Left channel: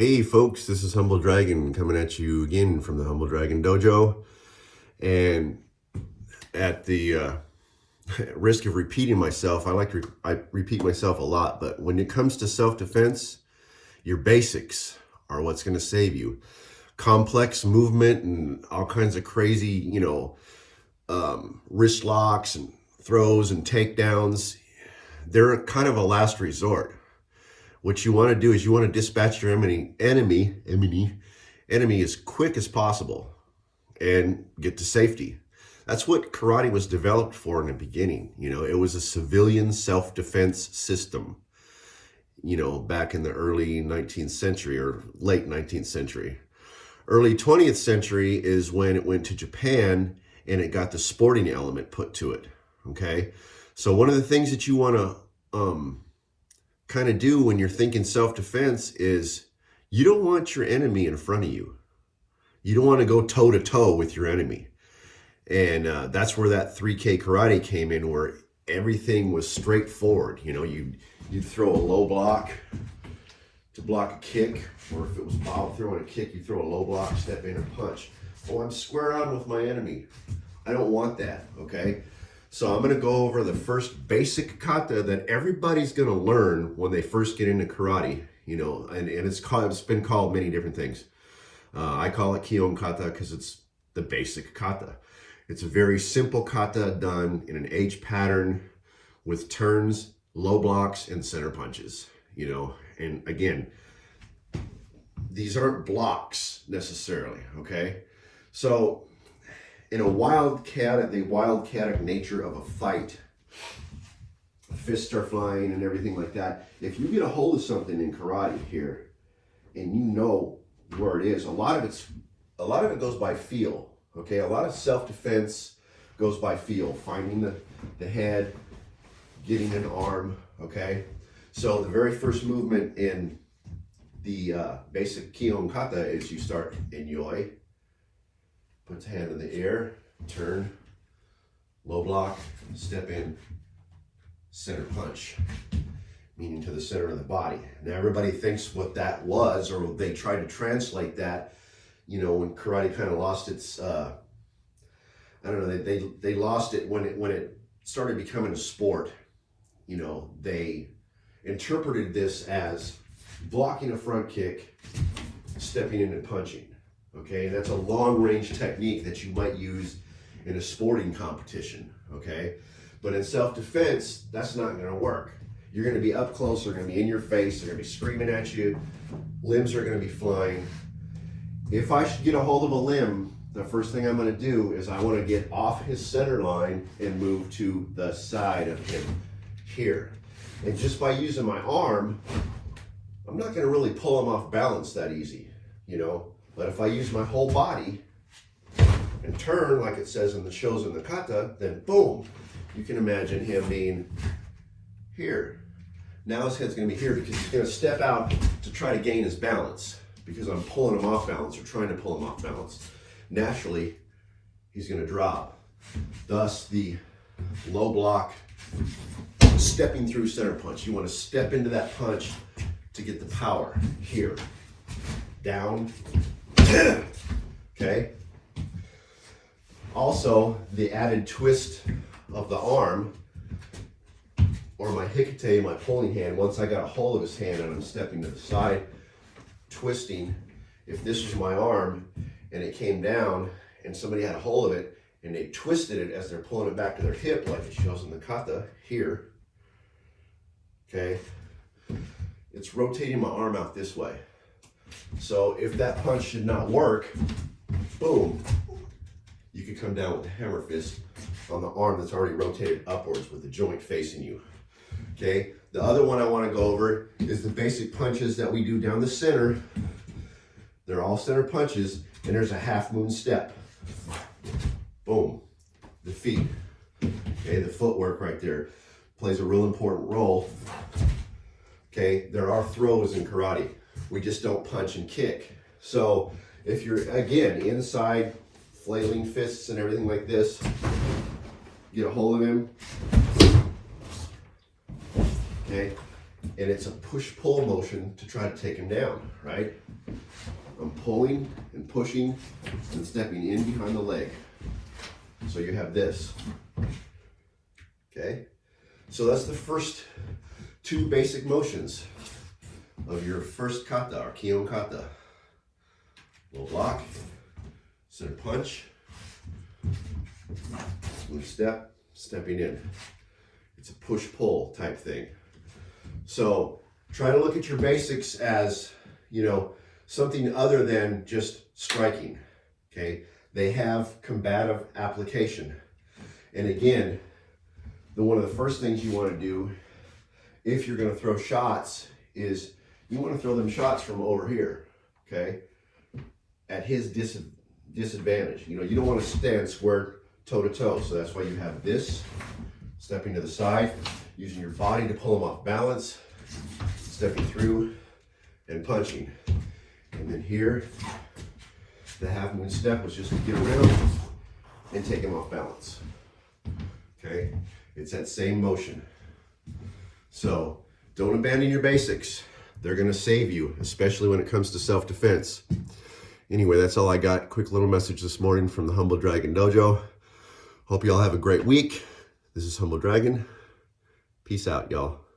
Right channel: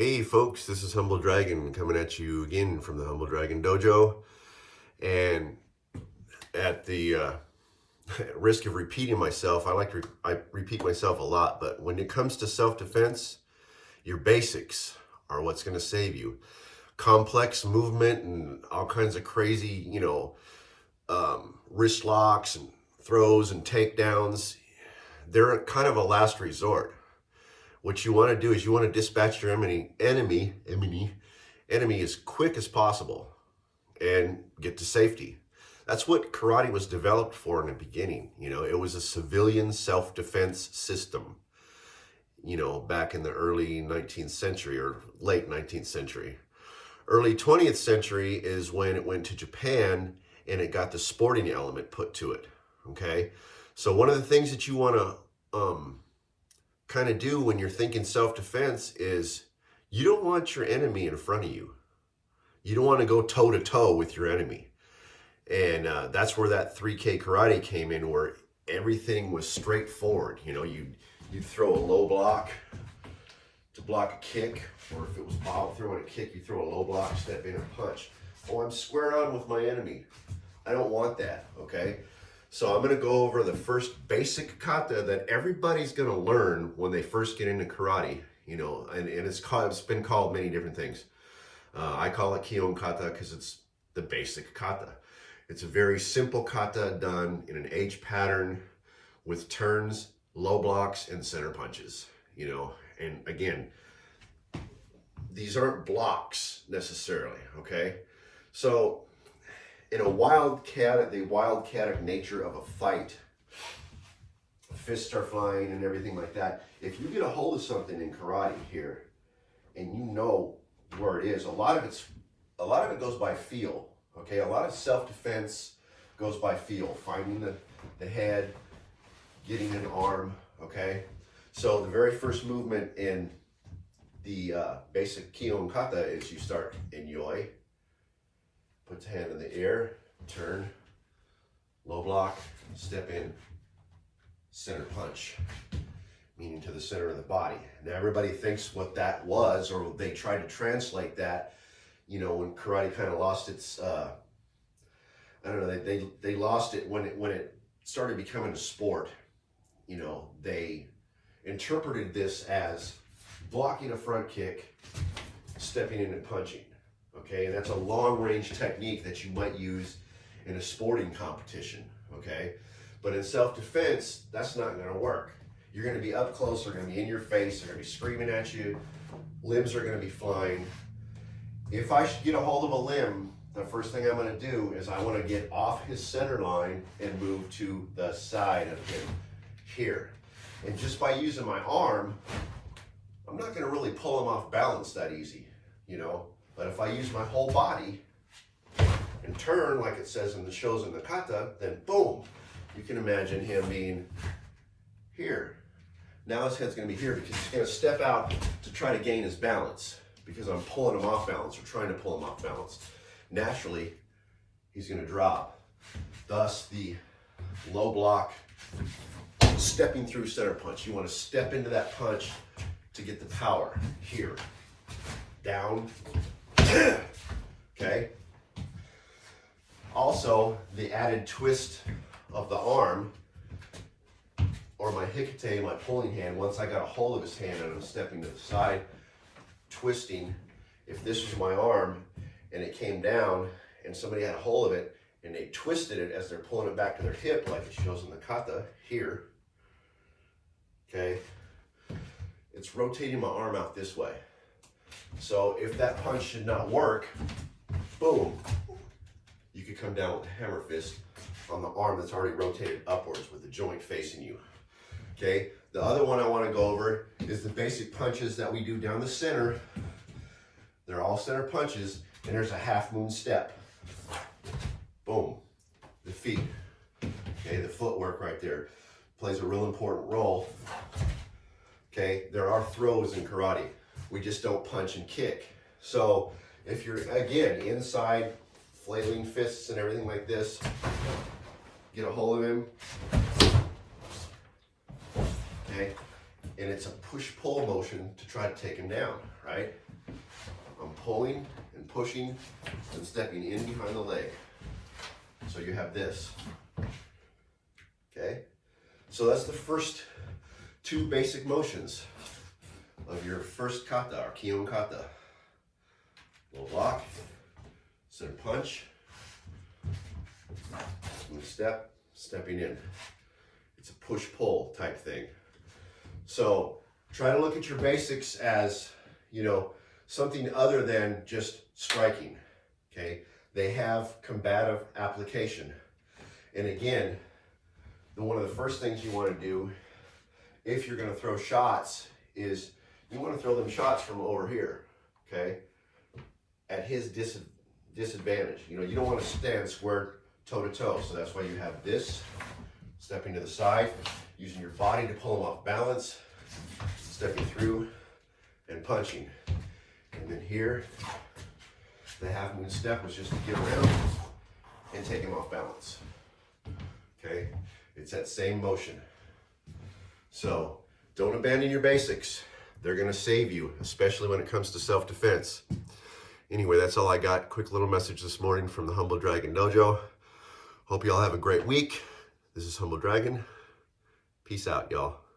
Hey folks, this is Humble Dragon coming at you again from the Humble Dragon Dojo. And at the risk of repeating myself, I repeat myself a lot, but when it comes to self-defense, your basics are what's going to save you. Complex movement and all kinds of crazy, wrist locks and throws and takedowns, they're kind of a last resort. What you want to do is you want to dispatch your enemy as quick as possible and get to safety. That's what karate was developed for in the beginning. It was a civilian self-defense system, back in the early 19th century or late 19th century. Early 20th century is when it went to Japan and it got the sporting element put to it. Okay. So one of the things that you want to, kind of do when you're thinking self-defense is you don't want your enemy in front of you. You don't want to go toe-to-toe with your enemy. And that's where that 3K karate came in, where everything was straightforward. You'd throw a low block to block a kick, or if it was Bob throwing a kick, you throw a low block, step in and punch. Oh, I'm square on with my enemy. I don't want that, okay? So I'm going to go over the first basic kata that everybody's going to learn when they first get into karate, and it's been called many different things. I call it Kion kata because it's the basic kata. It's a very simple kata done in an H pattern with turns, low blocks, and center punches, and again, these aren't blocks necessarily, okay? So in the wildcatic nature of a fight, fists are flying and everything like that. If you get a hold of something in karate here, and you know where it is, a lot of it goes by feel. Okay, a lot of self-defense goes by feel, finding the head, getting an arm. Okay, so the very first movement in the basic Kion kata is you start in yoi. Put the hand in the air, turn, low block, step in, center punch, meaning to the center of the body. Now everybody thinks what that was, or they try to translate that, when karate kind of lost its, I don't know, they lost it when it started becoming a sport. They interpreted this as blocking a front kick, stepping in and punching. Okay, and that's a long-range technique that you might use in a sporting competition, okay? But in self-defense, that's not going to work. You're going to be up close, they're going to be in your face, they're going to be screaming at you, limbs are going to be flying. If I should get a hold of a limb, the first thing I'm going to do is I want to get off his center line and move to the side of him here. And just by using my arm, I'm not going to really pull him off balance that easy, But if I use my whole body and turn, like it says in the shows in the kata, then boom, you can imagine him being here. Now his head's going to be here because he's going to step out to try to gain his balance because I'm pulling him off balance or trying to pull him off balance. Naturally, he's going to drop. Thus, the low block, stepping through center punch. You want to step into that punch to get the power here. Down. Okay. Also, the added twist of the arm, or my hikite, my pulling hand, once I got a hold of his hand and I'm stepping to the side, twisting. If this was my arm and it came down and somebody had a hold of it and they twisted it as they're pulling it back to their hip, like it shows in the kata here, okay, it's rotating my arm out this way. So if that punch did not work, boom, you could come down with a hammer fist on the arm that's already rotated upwards with the joint facing you. Okay, the other one I want to go over is the basic punches that we do down the center. They're all center punches, and there's a half moon step. Boom, the feet. Okay, the footwork right there plays a real important role. Okay, there are throws in karate. We just don't punch and kick. So if you're, again, inside, flailing fists and everything like this, get a hold of him. Okay, and it's a push-pull motion to try to take him down, right? I'm pulling and pushing and stepping in behind the leg. So you have this, okay? So that's the first two basic motions of your first kata, or Kion kata. Little lock, center punch, move step, stepping in. It's a push-pull type thing. So try to look at your basics as, you know, something other than just striking, okay? They have combative application. And again, one of the first things you want to do if you're going to throw shots is you want to throw them shots from over here, okay? At his disadvantage. You know, you don't want to stand square toe-to-toe, so that's why you have this, stepping to the side, using your body to pull him off balance, stepping through and punching. And then here, the half moon step was just to get around and take him off balance. Okay, it's that same motion. So don't abandon your basics. They're gonna save you, especially when it comes to self-defense. Anyway, that's all I got. Quick little message this morning from the Humble Dragon Dojo. Hope you all have a great week. This is Humble Dragon. Peace out, y'all.